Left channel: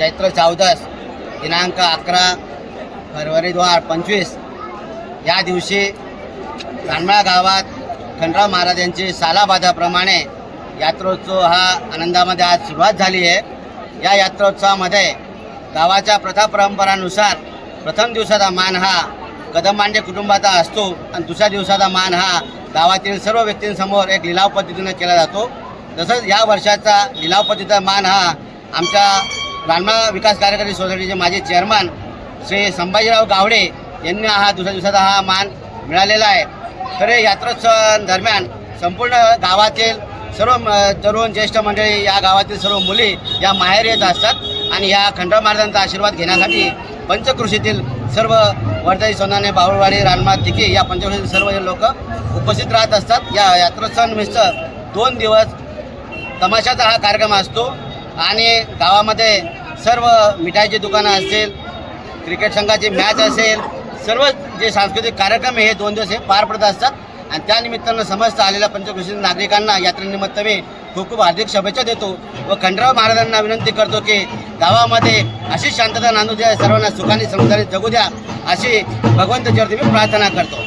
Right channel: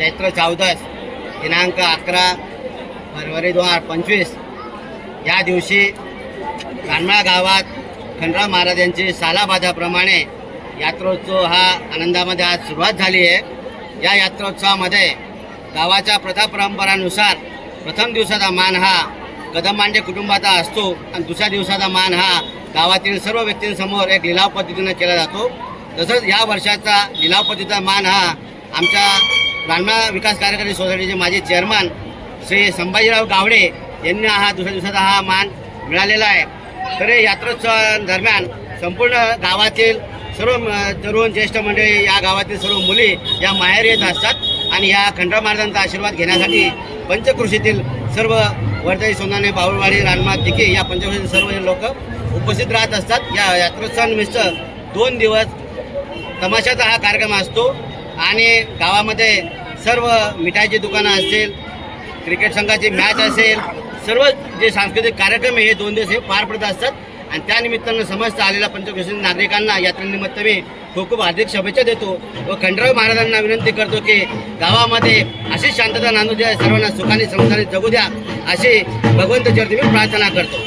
चैत्र चौदस दिनांक अकरा फरवरी दोन हजार पंचवीस. या दिवशी रानमाळा गावात खंडराव महाराज यांची यात्रोत्सव हा आनंदामध्ये आज सुरुवात झाली आहे. या यात्रोत्सवामध्ये गावाच्या प्रथा परंपरानुसार प्रथम दिवसाचा मान हा कदमांडे कुटुंबाचा असतो आणि दुसऱ्या दिवसाचा मान हा गावातील सर्व व्यक्तींसमोर एक लिलाव पद्धतीनं केला जातो. तसंच या वर्षाचा लिलाव पद्धतीचा मान हा आमच्या रानमाळा विकास कार्यकारी सोसायटीचे माजी चेअरमन श्री संभाजीराव गावडे यांनी हा दुसऱ्या दिवसाचा हा मान मिळालेला आहे. तर हे यात्रोत्सव दरम्यान संपूर्ण गावातील सर्व म- तरुण ज्येष्ठ मंडळी या गावातील सर्व मुली या माहेर येत असतात आणि या खंडराव महाराजांचा आशीर्वाद घेण्यासाठी पंचकृषीतील सर्व वर्धाई सोनाने बाहुळवाडी रानमात तिके या पंचकृषीतील सर्व लोक उपस्थित राहत असतात. या यात्रोत्सवानिमित्त दोन दिवस तमाशाचा हा कार्यक्रम असतो. आणि गावामध्ये सर्व मिठाईची दुकानं असतील क्रिकेट संघाची मॅच असेल सर्व जे सांस्कृतिक कार्यक्रम आहे हे दोन दिवस हे पार पडत असतात. आणि त्यानिमित्तानं समस्त आलेल्या पंचकृषी नागरिकांना यात्रेनिमित्त मी खूप खूप हार्दिक शुभेच्छा देतो व खंडराव महाराजांना विनंती करतो की गावामध्ये अशी शांतता नांदू द्या सर्वांना सुखाने समजाने जगू द्या अशी भगवंत चरती मी प्रार्थना करतो.